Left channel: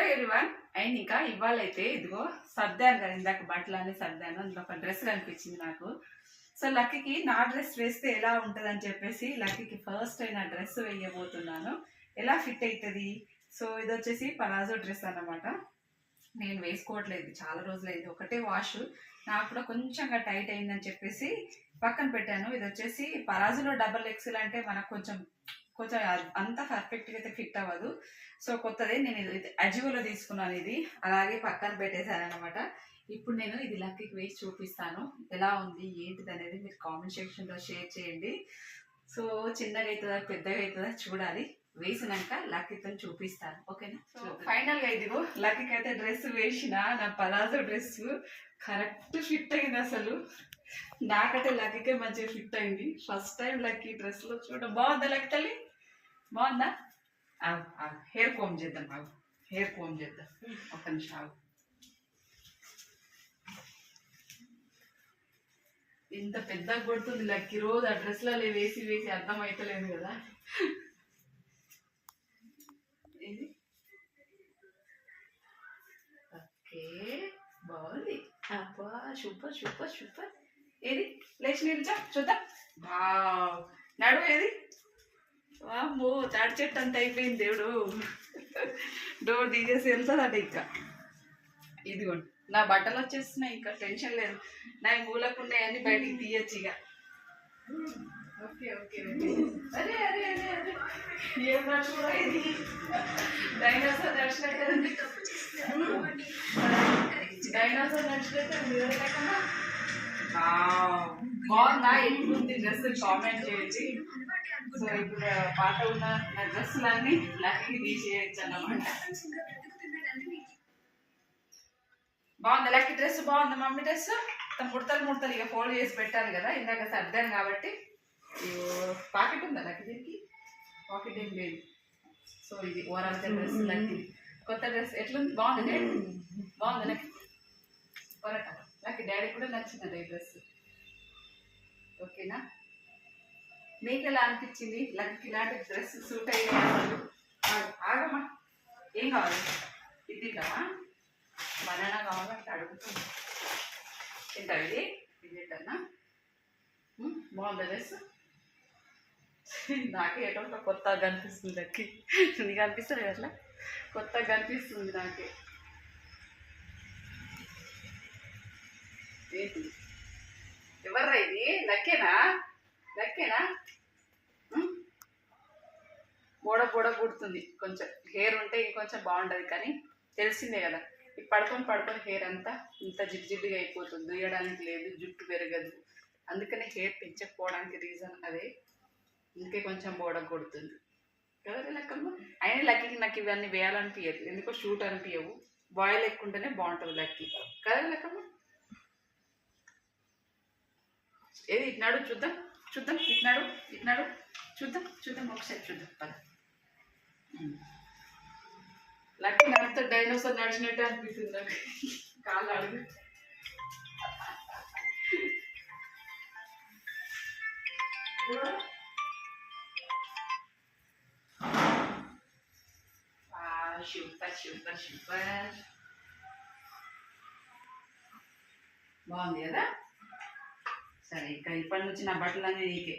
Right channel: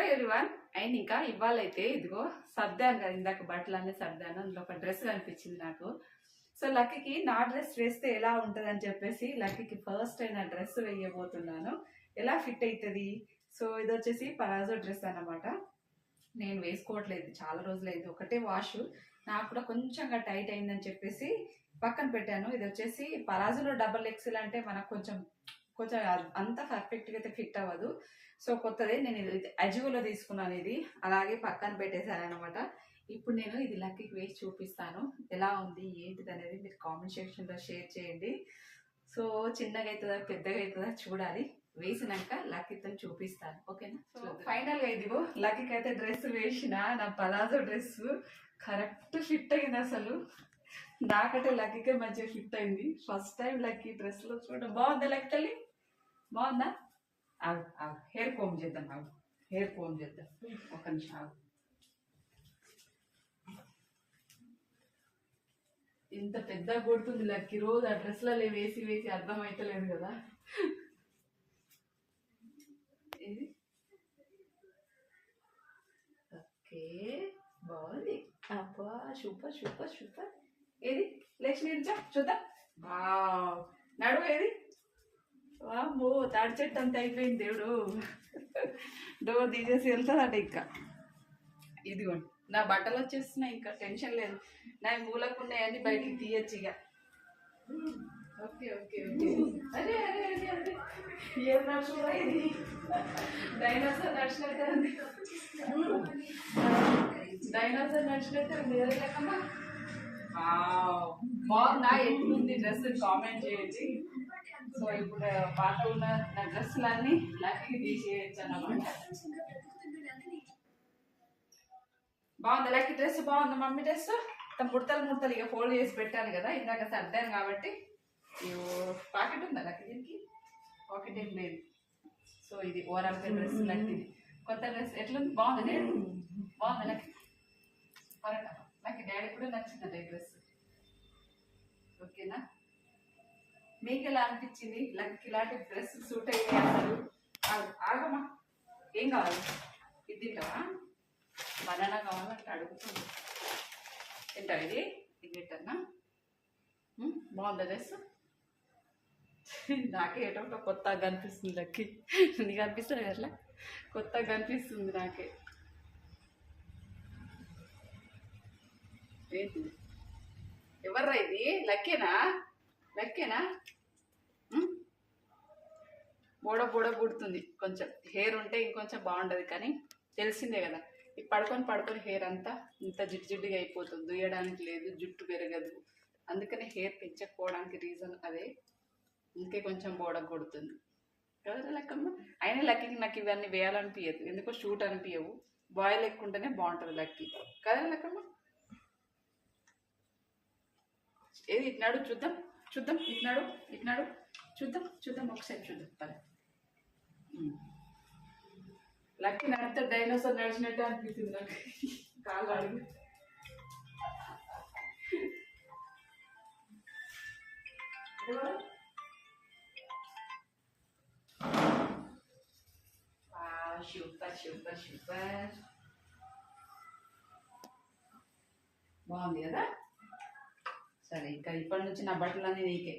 Hello everyone and ఇంకా ఇవాళైతే అయితే ఇదిగో సర్దాను కదా ఇందాక బట్టలు అన్ని సర్దాను అందులో ఒక డ్రెస్ కనిపించింది నాకు. సో లక్కీకి నా డ్రెస్ వేస్తే ఎలా ఉంటుందని చెప్పేసి లక్కీకి ఫస్ట్ అయిన డ్రెస్ వేయబోతున్నాను. ఎలా ఫిట్ అవుతుంది సో ఇది వచ్చేసి పలాజో డ్రెస్ అన్నమాట. నేను వేసుకోవట్లేదు చాలా రోజులైంది. ఒకటే వాష్ నాకు కూడా కొంచెంగా టైట్ అయిందని చెప్పేసి పక్కన పెట్టాను. ఇది వచ్చేసి పరాజులో డబల్ ఎక్సెల్ అంటే మనకు కొంచెం కొంచెం అంత పర్ఫెక్ట్గా అయితే ఫిట్ అవ్వదు. సో కొత్తది నేను ఇది అజియోలో తీసుకున్నాను ఇది. అలాగే పక్కన పెట్టేశాను అనమాట ఇప్పుడు నేను ఇది లక్కీకి వేసి చూపిస్తాను. ఎలా ఉంది ఏంటిది అనేది మీరు కామెంట్ సెక్షన్లో షేర్ చేయండి. సో చిన్నగా అవుతుందా పెద్దగా అవుతుందా చూడాలి. వేసినాక లక్కీతో చూపిస్తాను. ఓకేనా? సో ఫైనల్గా ఇదిగో. లక్కీకి అయితే డ్రెస్ వేసిన నా పలాజో డ్రెస్ కరెక్ట్ ఫిట్ అయింది అసలు. నాకైతే లక్కీకే మంచిగా ఫిట్ అయింది. ఫస్ట్ టైం లక్కీ డ్రెస్లో చూడ బాగుందా లక్కీ తల్లి? బాగుందా? ఆగు హెయిర్ కోమ్ చేద్దాం ఆగు. హెయిర్ కోమ్ చేద్దాం. ఒక నిమిషం ఆగు. ఇంత పెద్ద కొడుతుంది లక్కి రోజు. ఆ డ్రెస్లలో వేసి వేసి అర్థం అవుతలేదు కదా. ఇది? ఓకే. బాగుంది. అబ్బా సూపర్ సూపర్ సూపర్. ఏది? లేచి నిల్చా చూద్దాం. బా నడు ఏది? వామ్మో తాడి చెట్టు అంత అయిపోయింది దేవుడు. డోర్ తీసేసి వెళ్తుందట ఇంకా ఇదిగోండి నా బట్టలు వచ్చేస్తున్నాయి ఇంకా టెన్షన్ లేదు. నా మూలకు ఉన్నాయన్నీ బయటికి తీయచ్చు ఇక. Okay okay okay. అరే అరే అరే అరే. ఏం నడుచుకోవడం ఇది? డైనోసార్ నడిచినట్టే డైనోసార్ నడిచినట్టే లెక్కన? వావ్. బాగుందా? ఎట్లుంది డ్రెస్? కామెంట్ చేయండి. సో ఇప్పుడు పాత ఉన్న నా డ్రెస్సులన్నీ లక్కీ తీసేయచ్చు అన్నమాట. బాగుంది? లక్కీ డ్రెస్ బాగుంది? Mummy dress? ముడతలు ముడతలు ఇక ఫోల్డ్ చేసి పెట్టాను కదా. ఇందాక సర్దాను కాబట్టి. పాకెట్ ఉందా లక్కీ దీనికి? పాకెట్ ఏం లేదు. సో ఇది ఓవరాల్ డ్రెస్ లక్కీ కొత్త డ్రెస్ ఎట్లుంది? బాగుంది? బాగుంది లక్కీ? పొరట లక్కీ డాడీ కూడా నచ్చింది డ్రెస్. ఓకేనా? మీకు ఎలా అనిపించింది? లక్కీ ఇలాంటి డ్రెస్ సూట్ అయ్యే అసలు? ఆగమ్మా. ఏం కావాలి? ఇది కావా బనానా కావాలంటే అడుగుతుంది. ఎంత ఇది? ఇది తింటానా? బాగుందా డ్రెస్? నాకే ఎటువంటి ఒక కొత్తగా కనిపిస్తుంది లక్కి నీకు అనిపిస్తుంది అట్లా? కొత్తగా కనిపిస్తుంది నాకే. ఏంటి కుదర్రా ఇది లక్కేనా లక్కేనా ఉమ్? బోడ బోడ పుడుతుంది కొంచెం హెయిర్ ఉంటే ఇంకొంచెం బాగుండదు కానీ తెలిసిందే కదా ఈ పడుకొని పడుకొని హెయిర్ అంతా ఇంత జిడ్డు జిడ్డుగా అయిపోతుంది దుయ్యడానికి లేదు జుట్టు పెరగదు అందుకనే హెయిర్ పెంచకపోవడానికి రీజన్ అదే ఇంకే కొంచెం బోడ కొడుతుంది కదరా లెక్కమ్మ అయినా లక్కీకి నాకు ఇవన్నీ వేయాలనిపించదు ఎందుకో షూట్ అనిపించవు బాయిల్ ఎక్కుంటేనే బాగుంటుంది లక్కీ కదా లెక్కమ్మ ఏది ఇట్నాడు చూద్దాం చూద్దాం ఇట్నాడు ఇట్నాడు చూద్దాం చూద్దాం ఒకసారి చూద్దాం పద. ఉమ్. లక్కీ నడితే డైనోసార్ నడిచినట్టే అనిపిస్తుంది నాకు. కాళ్ళు అడుగు. Super super super. బాగుంది కదా? సరే ఇంకా ఇప్పటి నుంచి నా బట్టలన్నీ నీకే.